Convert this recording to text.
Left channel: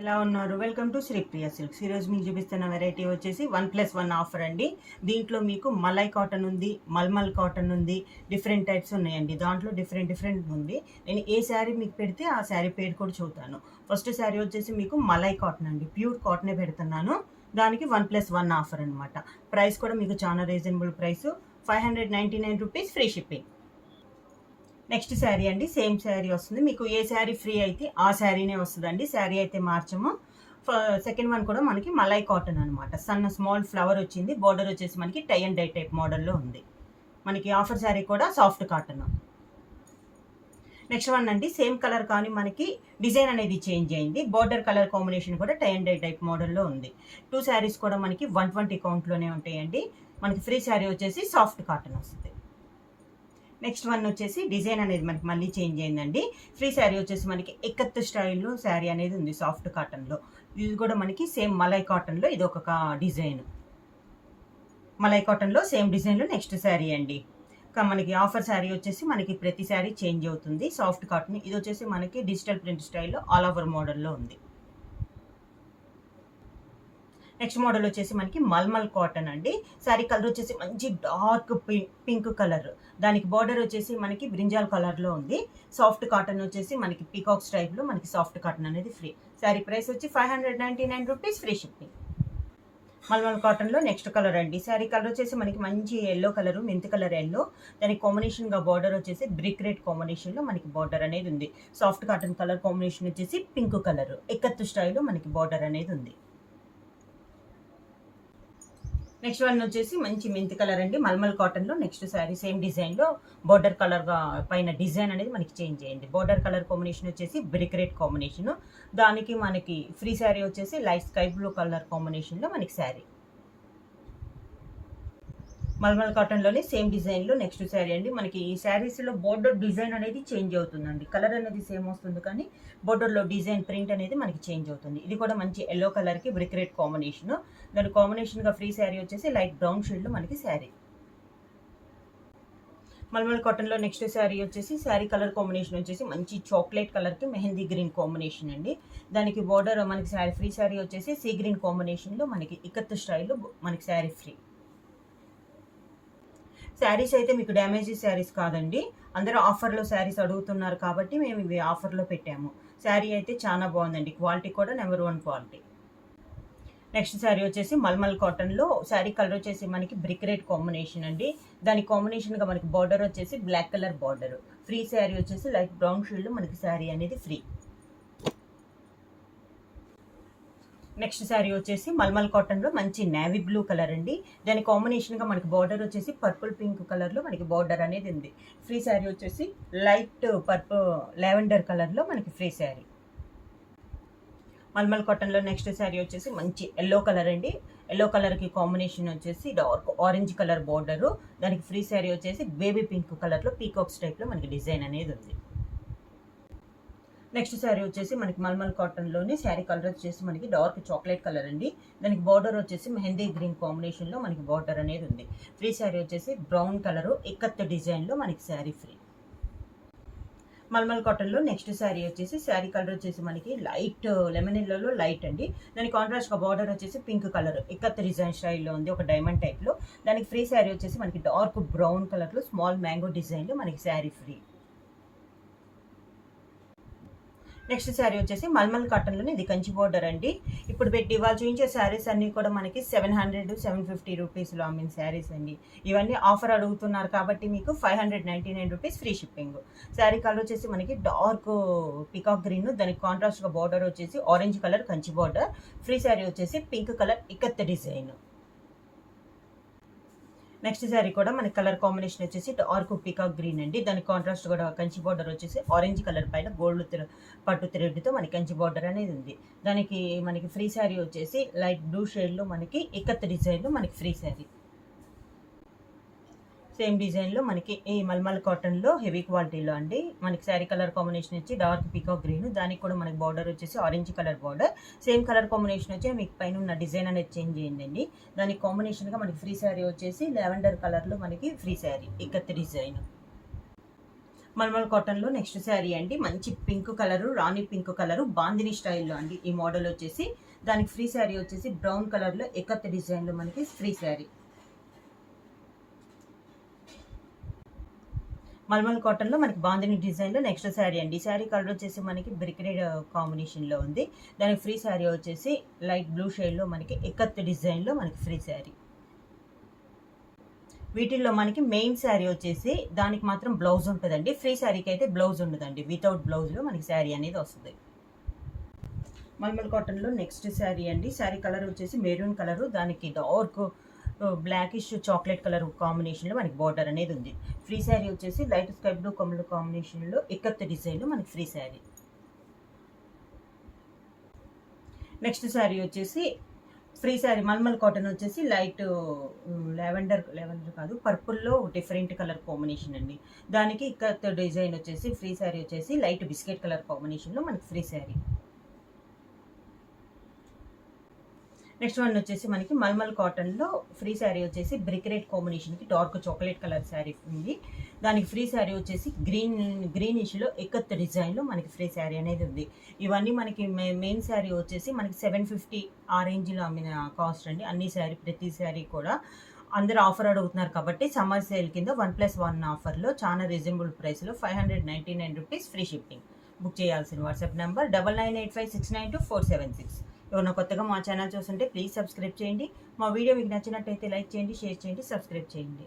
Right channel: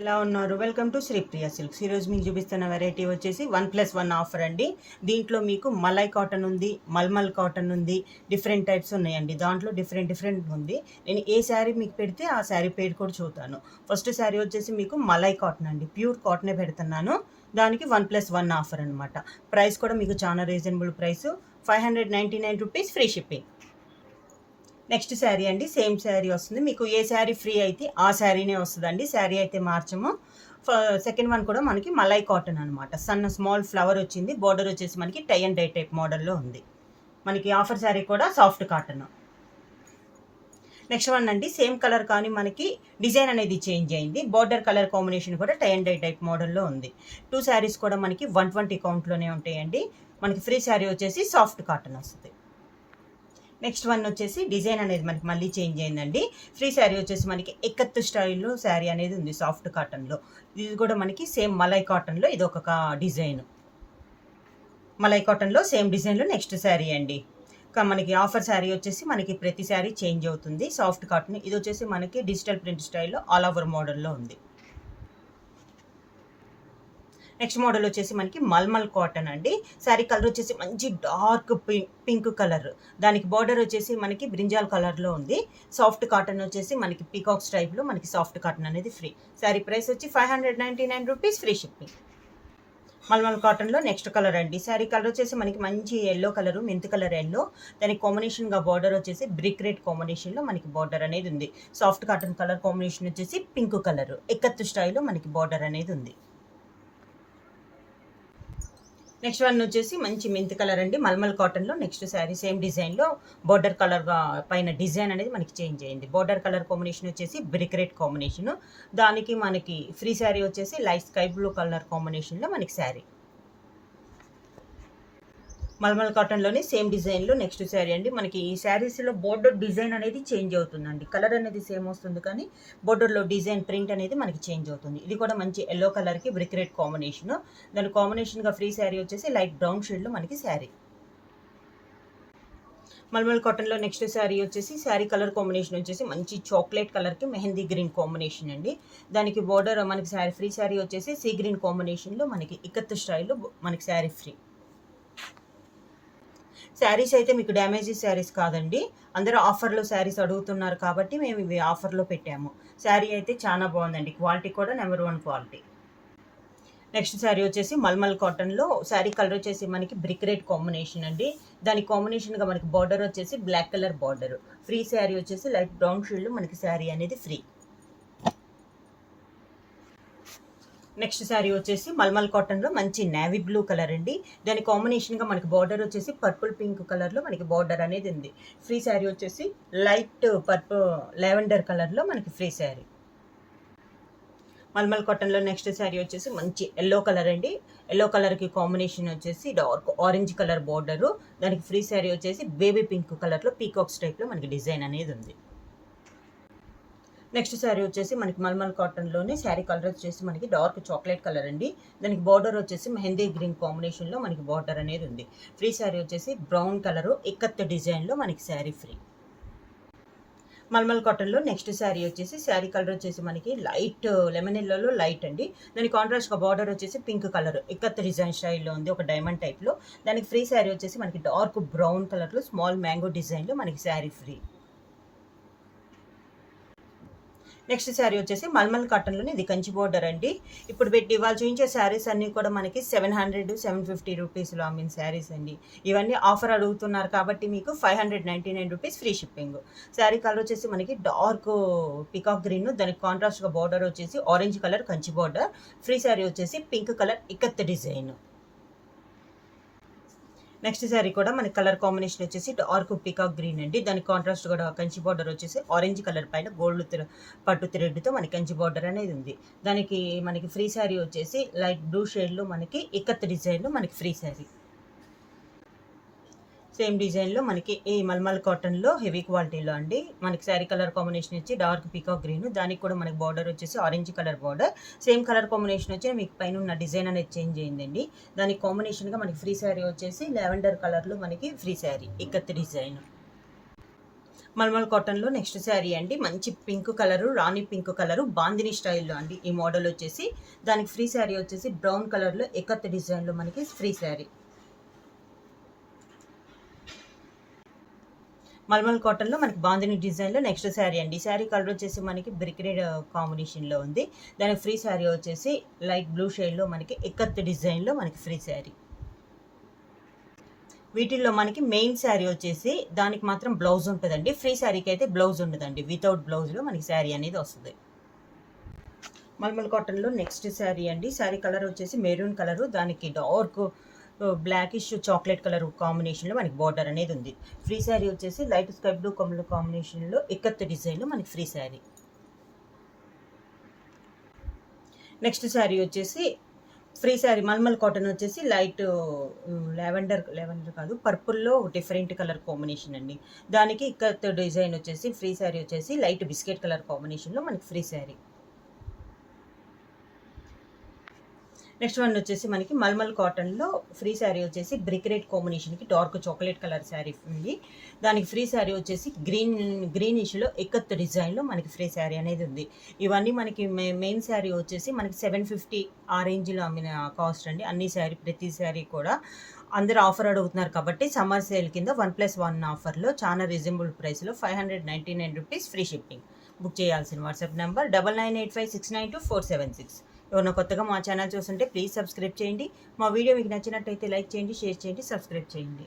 ఎలా ఉన్నారు? Welcome to Sripriya silks. ఈరోజు మీకు చూపిస్తున్న వెరైటీ వచ్చేసి 1+1 ఆఫర్ అండి. దీంట్లో మీకు మలై కాటన్ ఉంది, మల్మల్ కాటన్ ఉంది, డిఫరెంట్ టైప్స్ ఉన్నాయండి. దాంట్లో డిఫరెంట్ ఉంది. నేను ఏ శారీ మీకు పెడితే ఆ శారీ పేరు కూడా చూతాను. ఫస్ట్ శారీ వచ్చేసి మీకు మలై కాటన్ అండి, ప్యూర్ కాటనే పెడుతున్నాను. దానికి 1+1 ఆఫర్ అనమాట. ప్రైస్ కూడా మీకు చాలా reasonable price, 599 rupees, free shipping. Next sari అండి, సేమ్ శారీ వస్తుంది మీకు. ఏ శారీ ఫ్రీ అయితే ఆ శారీనే వస్తుందండి, శారీ అయితే మార్చము. సెకండ్ వన్ కూడా మనకి మలై కాటన్ అనమాట. స్మాల్ ఫ్లవర్ వచ్చింది, బార్డర్ వచ్చేసి మనకి టై అండ్ డై టైప్ మోడల్లో ఉంది. మనకి ఆఫర్ శారీ కూడా సాఫ్ట్ కాటన్. నెక్స్ట్ వన్ అండి, సేమ్ కలర్ కానీ మనకి డిజైన్ అనేది చేంజ్ అయింది. బార్డర్ కలర్ కాంబినేషన్ కూడా టై అండ్ డై టైప్ మోడల్లో ఉంది. 2 శారీస్ కూడా మనకి 120 కౌంట్లోనే ఉంటాయండి. మనకి ఫ్రీ శారీ వచ్చేసి సాఫ్ట్ కాటన్ వస్తుంది. నెక్స్ట్ వన్ వచ్చేసి డిజైన్ అనేది మనకి మళ్ళీ చేంజ్ అయిందండి. ఫ్రీ శారీ వచ్చేసి మనకి ఎక్కత్తు స్టైల్లో శారీ అనేది ఉంది, సాఫ్ట్ కాటన్లో. ఇది కూడా మనకి సేమ్ మలై కాటన్లో ఇది ఒక డిజైన్. మలై కాటన్లో సేమ్ డిజైన్లో నెక్స్ట్ శారీ అండి. మనకి ఆఫర్ శారీ వచ్చేసి మనకి ప్రతి శారీ చేంజ్ అవుతుంది. సాఫ్ట్ కాటన్ ఇది వచ్చేసి మనకి డిజిటల్ ప్రింట్ స్టైల్లో ఆల్ ఓవర్ మోడల్లో ఉంది. నెక్స్ట్ మోడల్ వచ్చేసి మనకి మల్మల్ కాటన్ అండి. శారీ కలర్ వచ్చేసి మంచి డార్క్ పింక్ కలర్, దానికి బార్డర్ వచ్చేసి మనకి బ్రింజాల్ కలర్లో ఉంది. సాఫ్ట్ కాటన్ వచ్చేసి మనకి పీకాక్స్ టైప్లో మనకి సాఫ్ట్ కాటన్ అనేది ఫ్రీ. శారీ ప్రైస్ వచ్చి 599 రూపీస్, ఫ్రీ షిప్పింగ్. మల్మల్ కాటన్లో నెక్స్ట్ కలర్ అండి. శారీ కలర్ వచ్చేసి మనకి మంచి yellow colour, mint colour yellow, దానికి కాంబినేషన్గా బార్డర్ వచ్చేసి బ్రిక్ రెడ్ కాంబినేషన్లో మనకి బార్డర్ అనేది ఉంది. సాఫ్ట్ కాటన్ కలర్ కాంబినేషన్ వచ్చేసి పింక్ కలర్, ఎక్కత్తు స్టైల్లో మనకి బార్డర్ అనేది ఉంది. నెక్స్ట్ వన్ వచ్చేసి మంచి మెంత్ కలర్ అండి, మల్మల్ కాటన్లో నెక్స్ట్ శారీ సేమ్ డిజైన్లో బార్డర్ కలర్గా పైన డిజైన్ అనేది మనకి చేంజ్ అయింది. బార్డర్ కలర్ కాంబినేషన్ వచ్చేసి బ్రిక్ రెడ్ కాంబినేషన్, దానికి మనకి ఫ్రీ శారీ వచ్చేసి లైట్ స్కై బ్లూ కలర్ కాంబినేషన్లో మనకి శారీ. మల్మల్ కాటన్లోనే సేమ్ డిజైన్లో నెక్స్ట్ శారీ అండి. మనకి ఈ శారీస్లో బోర్డర్ డిజైన్ అనేది చేంజ్ అవుతుందండి. కలర్ అనేది సేమ్ వస్తుంది కానీ బోర్డర్లో డిజైన్ ప్రింట్ అనేది మనకి చేంజ్ అవుతుంది. ఇది కూడా మంచి ఎల్లో కలర్కి బ్రిక్ రెడ్ కాంబినేషన్, దాని కాంబినేషన్గా ఫ్రీ శారీ వచ్చేసి లైట్ బ్రౌన్ షేడ్లో మనకి శారీ. మల్మల్ కాటన్లో నెక్స్ట్ శారీ వచ్చేసి శారీ కలర్ కాంబినేషన్ వచ్చేసి మంచి చాక్లెట్ కలర్కి మెహందీ గ్రీన్ కాంబినేషన్ అండి. దానికి బోర్డర్ మనకి శారీ ఫ్రీ శారీ వచ్చేసి సీ గ్రీన్ కాంబినేషన్లో మనకి ఇక్కత్ స్టైల్లో మనకి శారీ ఫ్రీ. శారీస్ అయితే మీకు డ్యామేజీ శారీస్ కాదండి, అందరూ ఆఫర్లో శారీస్ అడుగుతున్నారు కాబట్టి మేము ఇవి ఆఫర్లో పెట్టాము. శారీ అయితే చాలా బాగుందండి, క్వాలిటీ కూడా నెంబర్ 1 క్వాలిటీ. నెక్స్ట్ శారీ వచ్చేసి మల్మల్ కాటన్లో శారీ కలర్ వచ్చేసి మనకి బ్రిక్ రెడ్ కాంబినేషన్ అండి. దాని కాంబినేషన్గా మనకి బార్డర్ వచ్చేసి black colour border. Free sari వచ్చేసి లైట్ బ్రౌన్ షేడ్లో మనకి శారీ అనేది ఫ్రీ. నెక్స్ట్ శారీ వచ్చేసి మల్మల్ కాటన్లో మంచి నేవీ బ్లూ కలర్ అండి. దాని కాంబినేషన్గా మనకి బార్డర్ వచ్చేసి పర్పుల్ పింక్ కలర్లో మనకి బార్డర్ అనేది ఉంది. ఫ్రీ శారీ వచ్చేసి లైట్ పర్పుల్ లావెండర్ కలర్లో మనకి ఫ్రీ శారీ. మల్మల్ కాటన్లో నెక్స్ట్ శారీ వచ్చేసి మంచి ఎల్లో కలర్ అండి. ఎల్లో కలర్కి కాంబినేషన్ వచ్చేసి డార్క్ ఆరెంజ్ కలర్ బార్డరు, దానికి ఫ్రీ శారీ వచ్చేసి బేబీ పింక్ కలర్లో పీకాక్స్ టైప్లో మనకి డిజైన్ అనేది ఉంది. నెక్స్ట్ శారీ వచ్చేసి మనకి మల్మల్ కాటన్లోనే శారీ కలర్ వచ్చేసి మనకి డార్క్ చాక్లెట్ కలర్ అండి. దానికి బార్డర్ వచ్చేసి మెహందీ గ్రీన్ కాంబినేషన్లో మనకి బార్డర్ అనేది ఉంది. ఫ్రీ శారీ వచ్చేసి బ్రౌన్ కలరు ఇక్కత్ డిజైన్లో మనకి శారీ ఫ్రీ. మల్మల్ కాటన్లో నెక్స్ట్ శారీ వచ్చేసి శారీ కలర్ వచ్చేసి మనకి లైట్ లెమన్ ఎల్లోలో లైట్ అండి. దాని కాంట్రాస్ట్గా బార్డర్ వచ్చేసి పింక్ కలర్ ఇక్కత్ డిజైన్ స్టైల్లో ఉంది, ఒక డైమండ్ టైప్లో. దానికి ఫ్రీ శారీ వచ్చేసి మనకి డార్క్ బ్రౌన్ కలర్లో స్మాల్ మ్యాంగో డిజైన్లో మనకి శారీ ఫ్రీ. నెక్స్ట్ శారీ వచ్చేసి మల్మల్ కాటన్లోనే ఇది కంచి బార్డర్ అండి. ఇప్పుడు ఇవాళ చూపించే శారీస్ అన్నీ కూడా మనకి 700-750 రూపీస్లో అమ్మిన శారీస్ అండి. ఇవన్నీ ఆఫర్ అడుగుతున్నారు కాబట్టి మీకు 599 rupees, free shipping. Sari colour వచ్చేసి మనకి డార్క్ పికాక్ గ్రీన్, దానికి కాంట్రాస్ట్గా బార్డర్ వచ్చేసి orange colour Kanchi border. Free sari వచ్చేసి pink colour ikat design. Next sari కూడా మనకి కలర్ కాంబినేషన్ వచ్చేసి డార్క్ పీకాక్ గ్రీన్ అండి. దానికి కాంట్రాస్ట్ కూడా కంచి బార్డర్ వచ్చేసి ఆరెంజ్ కలర్ పైన గోల్డ్ పట్టు థ్రెడ్తో మనకి కంచి బార్డర్ అనేది ఉంది. దానికి మనకి ఫ్రీ శారీ వచ్చేసి లైట్ బ్లూ షేడ్లో మనకి ఇక్కత్ డిజైన్లో మనకి ఫ్రీ శారీ. సేమ్ డిజైన్లో మనకి ఈ మల్మల్ కాటన్లో హెవీ క్వాలిటీలో అండి. మనకి శారీ కలర్ కాంబినేషన్ వచ్చి డార్క్ పీకాక్ గ్రీన్, దానికి కూడా మనకి బార్డర్ వచ్చేసి orange colour border. Same colour combination వచ్చి మీకు పైన ఉన్న డిజైన్ అనేది చేంజ్ అయిందండి. దానికి కాంబినేషన్గా మనకి ఫ్రీ శారీ వచ్చేసి లావెండర్ కలర్లో మనకి ఫ్రీ శారీ ఇక్కత్ డిజైన్. మల్మల్ కాటన్లో నెక్స్ట్ శారీ అండి. మంచి పింక్ కలరు, రాణి పింక్ కలరు, బాందిని స్టైల్లో అండి ఈ మోడల్ వచ్చేసి. దానికి ఫ్రీ శారీ వచ్చేసి బ్రౌన్ కలర్లో ఎకత్ డిజైన్లో మనకి ఫ్రీ శారీ. మల్మల్ కాటన్లో మనకి బాందిని డిజైన్లో నెక్స్ట్ శారీ అండి. ఈ శారీ కలర్ వచ్చేసి మనకి బ్రిక్ రెడ్ కాంబినేషన్లో ఉంది. దానికి ఫ్రీ శారీ వచ్చేసి లైట్ బ్లూ షేడ్లో మనకి ఎకత్ డిజైన్లో మనకి ఫ్రీ శారీ. వీటిల్లో మనకి మెయిన్ శారీ వచ్చేసి దానికి మాత్రం బ్లౌజ్ ఉంటుందండి. ఫ్రీ శారీకి అయితే బ్లౌజ్ ఉండదండి. వితౌట్ బ్లౌజ్లో మనకి శారీ అనేది వస్తుంది. మల్మల్ కాటన్లో నెక్స్ట్ శారీ అండి. శారీ కలర్ వచ్చేసి మెరూన్ కలరు, దానికి డార్క్ బ్లాకిష్ చాక్లెట్ కలర్ కాంబినేషన్లో మనకి బార్డర్ అనేది ఉంది. ఫ్రీ శారీ వచ్చేసి లైట్ స్కై బ్లూ కలర్ కాంబినేషన్లో ఎకత్ డిజైన్లో మనకి ఫ్రీ శారీ. నెక్స్ట్ శారీ వచ్చేసి ఫ్రీ శారీ మల్మల్ కాటన్ వచ్చేసి లైట్ లావెండర్ కాదు, పర్పుల్లో డిఫరెంట్ కలర్ కాంబినేషన్ అండి. దానికి ఇక్కత్ డిజైన్ వచ్చేసి ఫ్రీ శారీ వచ్చేసి లైట్ బిస్కెట్ కలర్ కాంబినేషన్లో మనకి ఫ్రీ శారీ. నెక్స్ట్ వన్ వచ్చేసి మనకి మల్మల్ కాటన్లో ఫ్రీ శారీ వచ్చేసి బ్రిక్ రెడ్ కాంబినేషన్కి డార్క్ చాక్లెట్ కలర్ శారీ ఉంది. దానికి ఫ్రీ శారీ వచ్చేసి గ్రీనిష్లో ఎకత్ డిజైన్లో మనకి ఫ్రీ శారీ అనేది ఉంది. ఇవన్నీ మనకి మెయిన్ శారీ వచ్చేసి మనకి 750 ఆ రేంజ్లో అమ్మిన కాస్ట్ అండి. అన్ని శారీ ప్రతి శారీ కూడా అందరూ ఆఫర్ అడుగుతున్నారు కాబట్టి సమ్మర్ సేల్ కింద 1+1 ఆఫర్లో చాలా రీజనబుల్ ప్రైస్లో 599 రూపీస్ ఫ్రీ షిప్పింగ్. బుక్ చేయాల్సిన వాట్సాప్ నెంబర్ 9985692476. ఎవరైనా కొత్తగా మా ఛానల్ చూస్తుంటే ప్లీజ్ సబ్స్క్రైబ్ చేయండి. మా వీడియో మీకు నచ్చినట్టయితే లైక్ చేయండి, షేర్ చేయండి, సబ్స్క్రైబ్ చేయండి.